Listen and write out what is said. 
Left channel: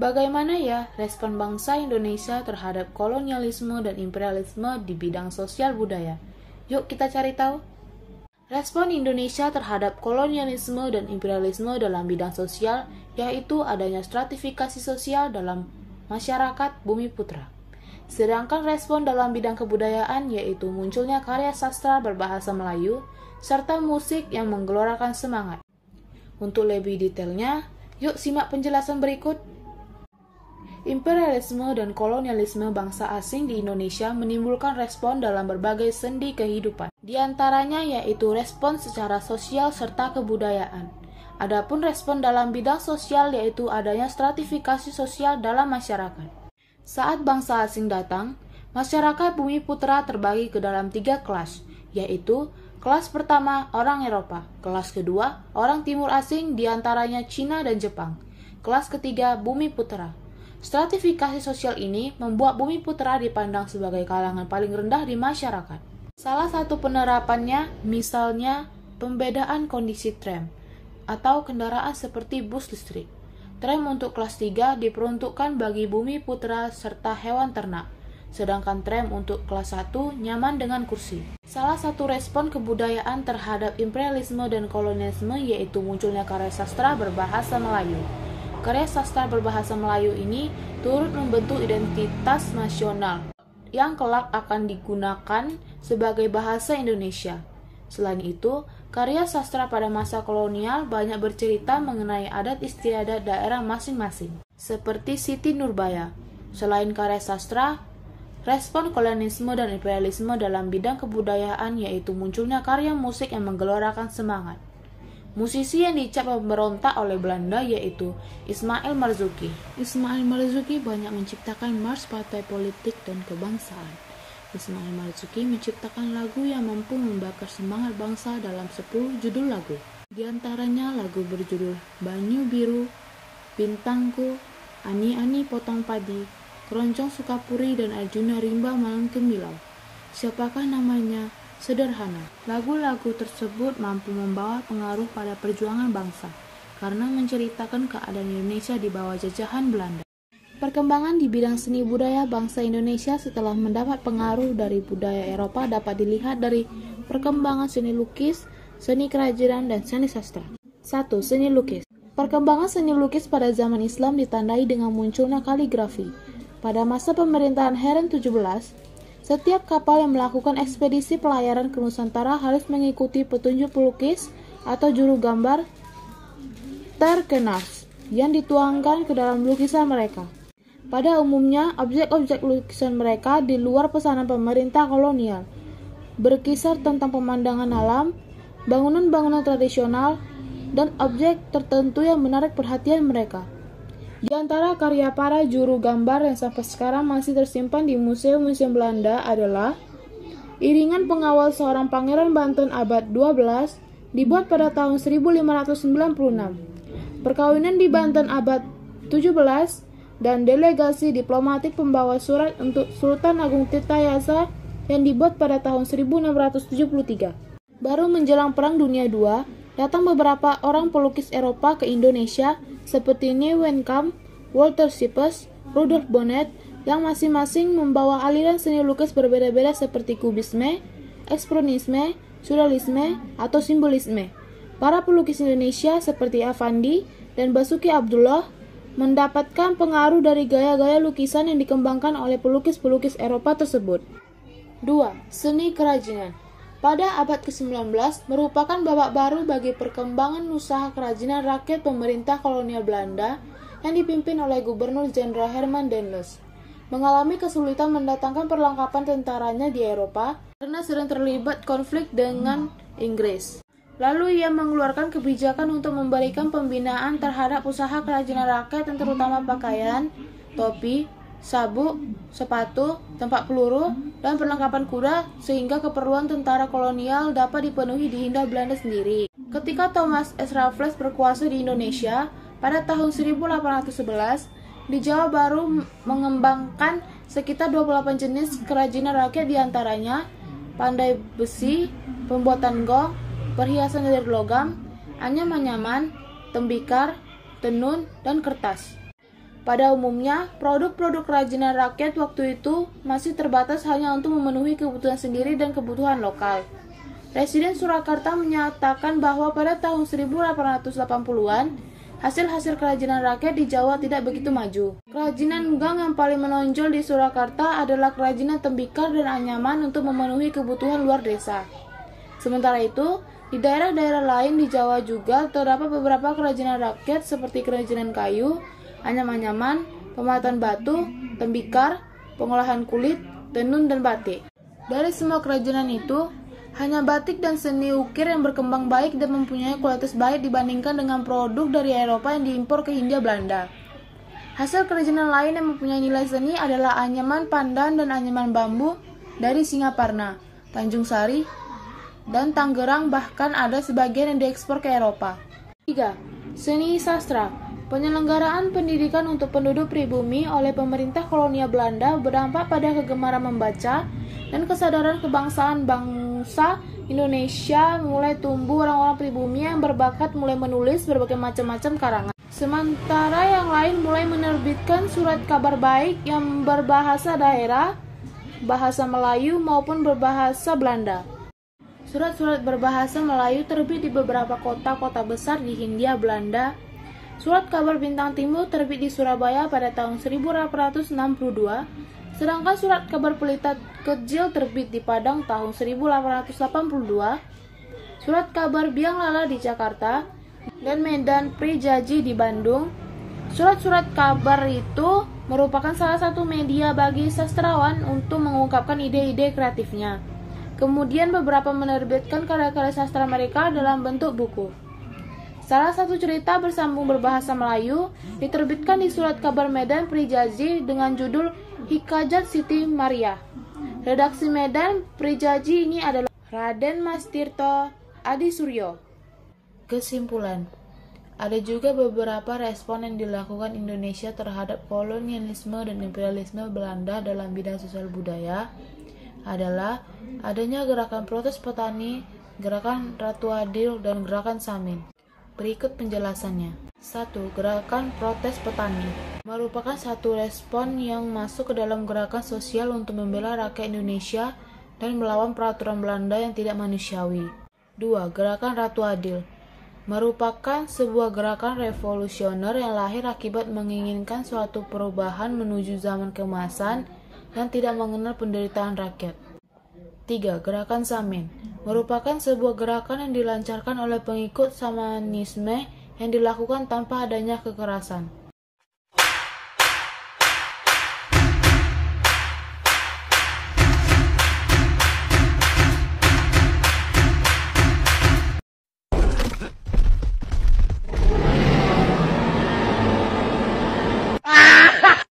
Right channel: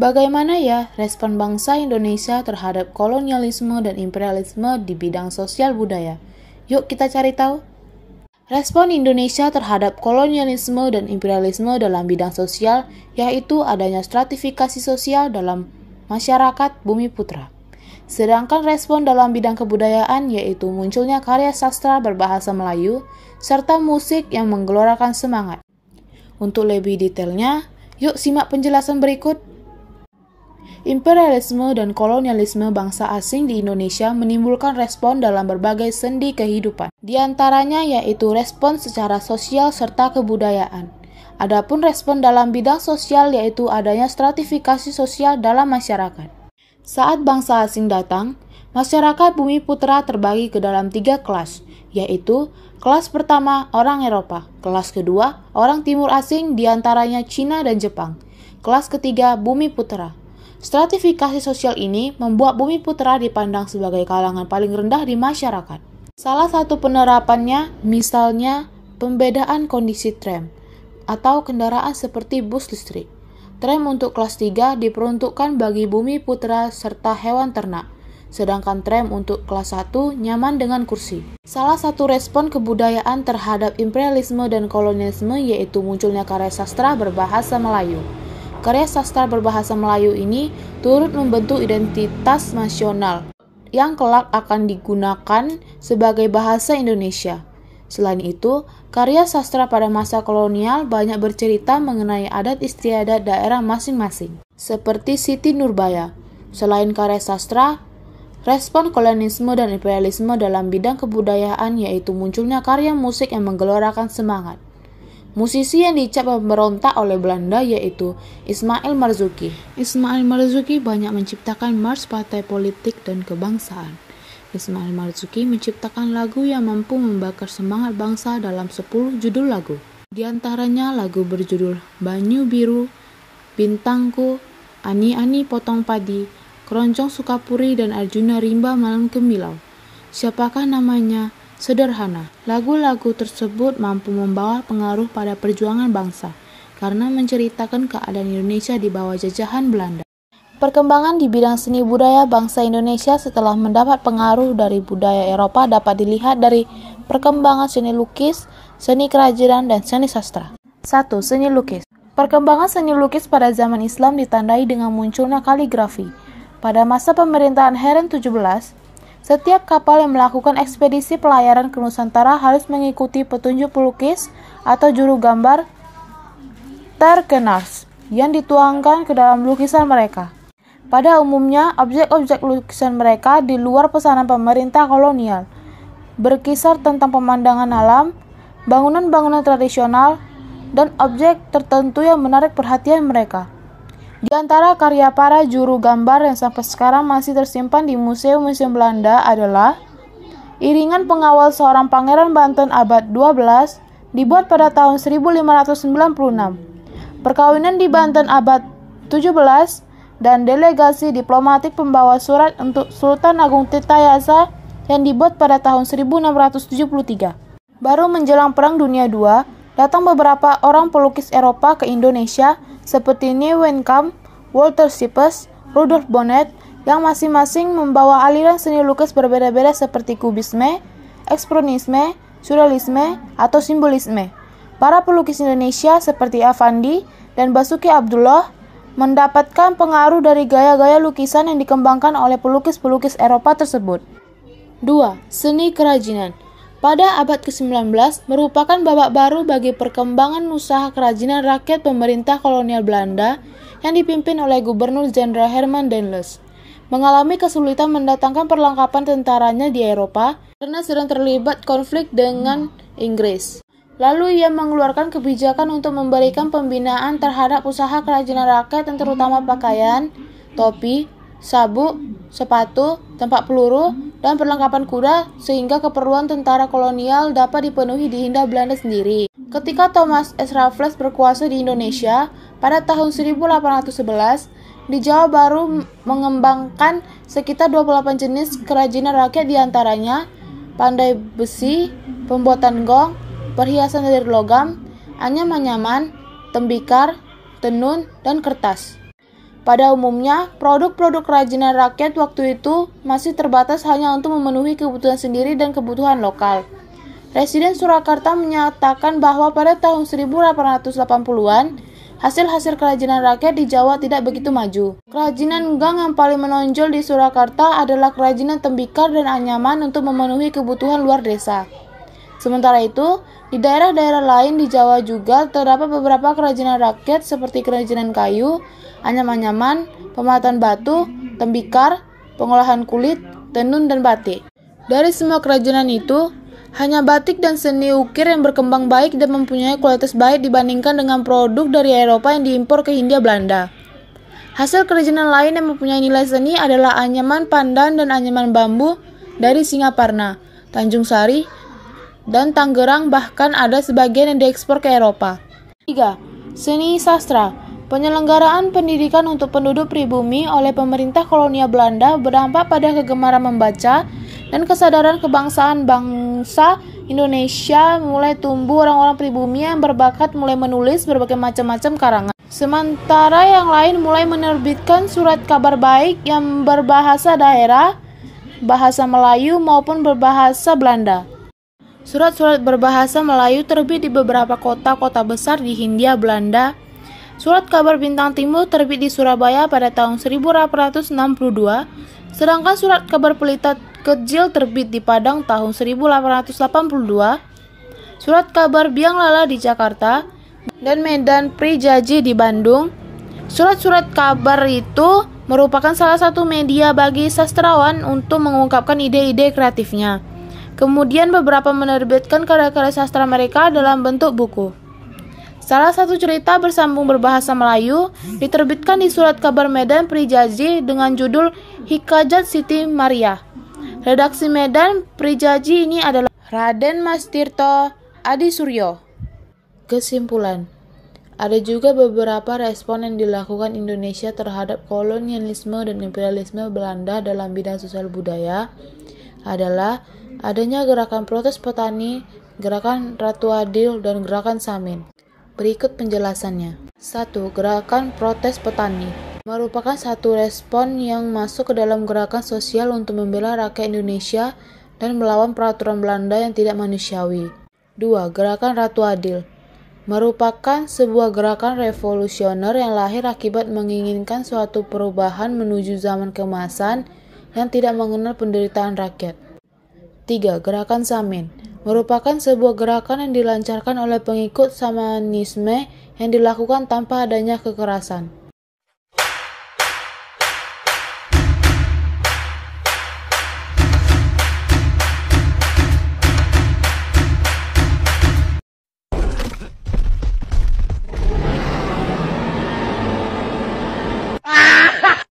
Bagaimana ya respon bangsa Indonesia terhadap kolonialisme dan imperialisme di bidang sosial budaya? Yuk kita cari tahu. Respon Indonesia terhadap kolonialisme dan imperialisme dalam bidang sosial yaitu adanya stratifikasi sosial dalam masyarakat Bumi Putra. Sedangkan respon dalam bidang kebudayaan yaitu munculnya karya sastra berbahasa Melayu serta musik yang menggelorakan semangat. Untuk lebih detailnya, yuk simak penjelasan berikut. Imperialisme dan kolonialisme bangsa asing di Indonesia menimbulkan respon dalam berbagai sendi kehidupan. Di antaranya yaitu respon secara sosial serta kebudayaan. Adapun respon dalam bidang sosial yaitu adanya stratifikasi sosial dalam masyarakat. Saat bangsa asing datang, masyarakat Bumi Putra terbagi ke dalam 3 kelas, yaitu kelas pertama orang Eropa, kelas kedua orang Timur asing diantaranya Cina dan Jepang, kelas ketiga Bumi Putra. Stratifikasi sosial ini membuat Bumi Putra dipandang sebagai kalangan paling rendah di masyarakat. Salah satu penerapannya misalnya pembedaan kondisi tram atau kendaraan seperti bus listrik. Tram untuk kelas 3 diperuntukkan bagi Bumi Putra serta hewan ternak, sedangkan tram untuk kelas 1 nyaman dengan kursi. Salah satu respon kebudayaan terhadap imperialisme dan kolonialisme yaitu munculnya karya sastra berbahasa Melayu. Karya sastra berbahasa Melayu ini turut membentuk identitas nasional yang kelak akan digunakan sebagai bahasa Indonesia. Selain itu, karya sastra pada masa kolonial banyak bercerita mengenai adat istiadat daerah masing-masing, seperti Siti Nurbaya. Selain karya sastra, respon kolonialisme dan imperialisme dalam bidang kebudayaan yaitu munculnya karya musik yang menggelorakan semangat. Musisi yang dicap pemberontak oleh Belanda yaitu Ismail Marzuki. Ismail Marzuki banyak menciptakan march partai politik dan kebangsaan. Ismail Marzuki menciptakan lagu yang mampu membakar semangat bangsa dalam 10 judul lagu. Di antaranya lagu berjudul Banyu Biru, Bintangku, Ani-Ani Potong Padi, Keroncong Sukapuri, dan Arjuna Rimba Malam Gemilau. Siapakah namanya? Sederhana. Lagu-lagu tersebut mampu membawa pengaruh pada perjuangan bangsa karena menceritakan keadaan Indonesia di bawah jajahan Belanda. Perkembangan di bidang seni budaya bangsa Indonesia setelah mendapat pengaruh dari budaya Eropa dapat dilihat dari perkembangan seni lukis, seni kerajinan, dan seni sastra. 1. Seni lukis. Perkembangan seni lukis pada zaman Islam ditandai dengan munculnya kaligrafi. Pada masa pemerintahan Harun 17, setiap kapal yang melakukan ekspedisi pelayaran ke Nusantara harus mengikuti petunjuk pelukis atau juru gambar terkenal yang dituangkan ke dalam lukisan mereka. Pada umumnya, objek-objek lukisan mereka di luar pesanan pemerintah kolonial, berkisar tentang pemandangan alam, bangunan-bangunan tradisional, dan objek tertentu yang menarik perhatian mereka. Di antara karya para juru gambar yang sampai sekarang masih tersimpan di museum-museum Belanda adalah Iringan Pengawal Seorang Pangeran Banten abad 12 dibuat pada tahun 1596, Perkawinan di Banten abad 17, dan Delegasi Diplomatik Pembawa Surat untuk Sultan Agung Tirtayasa yang dibuat pada tahun 1673. Baru menjelang Perang Dunia II, datang beberapa orang pelukis Eropa ke Indonesia seperti Nieuwenkamp, Walter Siepes, Rudolf Bonnet, yang masing-masing membawa aliran seni lukis berbeda-beda seperti kubisme, ekspresionisme, surrealisme, atau simbolisme. Para pelukis Indonesia seperti Affandi dan Basuki Abdullah mendapatkan pengaruh dari gaya-gaya lukisan yang dikembangkan oleh pelukis-pelukis Eropa tersebut. 2. Seni kerajinan. Pada abad ke-19 merupakan babak baru bagi perkembangan usaha kerajinan rakyat pemerintah kolonial Belanda yang dipimpin oleh Gubernur Jenderal Herman Dendels. Mengalami kesulitan mendatangkan perlengkapan tentaranya di Eropa karena sedang terlibat konflik dengan Inggris. Lalu ia mengeluarkan kebijakan untuk memberikan pembinaan terhadap usaha kerajinan rakyat yang terutama pakaian, topi, sabuk, sepatu, tempat peluru, dan perlengkapan kuda sehingga keperluan tentara kolonial dapat dipenuhi di Hindia Belanda sendiri. Ketika Thomas S. Raffles berkuasa di Indonesia pada tahun 1811, di Jawa baru mengembangkan sekitar 28 jenis kerajinan rakyat diantaranya pandai besi, pembuatan gong, perhiasan dari logam, anyaman-anyaman, tembikar, tenun, dan kertas. Pada umumnya, produk-produk kerajinan rakyat waktu itu masih terbatas hanya untuk memenuhi kebutuhan sendiri dan kebutuhan lokal. Presiden Surakarta menyatakan bahwa pada tahun 1880-an, hasil-hasil kerajinan rakyat di Jawa tidak begitu maju. Kerajinan gang yang paling menonjol di Surakarta adalah kerajinan tembikar dan anyaman untuk memenuhi kebutuhan luar desa. Sementara itu, di daerah-daerah lain di Jawa juga terdapat beberapa kerajinan rakyat seperti kerajinan kayu, anyam-anyaman, pembuatan batu, tembikar, pengolahan kulit, tenun, dan batik. Dari semua kerajinan itu, hanya batik dan seni ukir yang berkembang baik dan mempunyai kualitas baik dibandingkan dengan produk dari Eropa yang diimpor ke Hindia Belanda. Hasil kerajinan lain yang mempunyai nilai seni adalah anyaman pandan dan anyaman bambu dari Singaparna, Tanjung Sari, dan Tangerang, bahkan ada sebagian yang diekspor ke Eropa. 3. Seni sastra. Penyelenggaraan pendidikan untuk penduduk pribumi oleh pemerintah kolonial Belanda berdampak pada kegemaran membaca dan kesadaran kebangsaan bangsa Indonesia mulai tumbuh. Orang-orang pribumi yang berbakat mulai menulis berbagai macam-macam karangan. Sementara yang lain mulai menerbitkan surat kabar baik yang berbahasa daerah, bahasa Melayu maupun berbahasa Belanda. Surat-surat berbahasa Melayu terbit di beberapa kota-kota besar di Hindia Belanda. Surat kabar Bintang Timur terbit di Surabaya pada tahun 1862, sedangkan surat kabar Pelita Kecil terbit di Padang tahun 1882, surat kabar Biang Lala di Jakarta, dan Medan Prijaji di Bandung. Surat-surat kabar itu merupakan salah satu media bagi sastrawan untuk mengungkapkan ide-ide kreatifnya. Kemudian beberapa menerbitkan karya-karya sastra mereka dalam bentuk buku. Salah satu cerita bersambung berbahasa Melayu diterbitkan di surat kabar Medan Prijaji dengan judul Hikayat Siti Maria. Redaksi Medan Prijaji ini adalah Raden Mas Tirto Adi Suryo. Kesimpulan, ada juga beberapa respon yang dilakukan Indonesia terhadap kolonialisme dan imperialisme Belanda dalam bidang sosial budaya adalah adanya gerakan protes petani, gerakan Ratu Adil, dan gerakan Samin. Berikut penjelasannya. 1. Gerakan protes petani merupakan satu respon yang masuk ke dalam gerakan sosial untuk membela rakyat Indonesia dan melawan peraturan Belanda yang tidak manusiawi. 2. Gerakan Ratu Adil merupakan sebuah gerakan revolusioner yang lahir akibat menginginkan suatu perubahan menuju zaman keemasan yang tidak mengenal penderitaan rakyat. 3. Gerakan Samin merupakan sebuah gerakan yang dilancarkan oleh pengikut Samanisme yang dilakukan tanpa adanya kekerasan.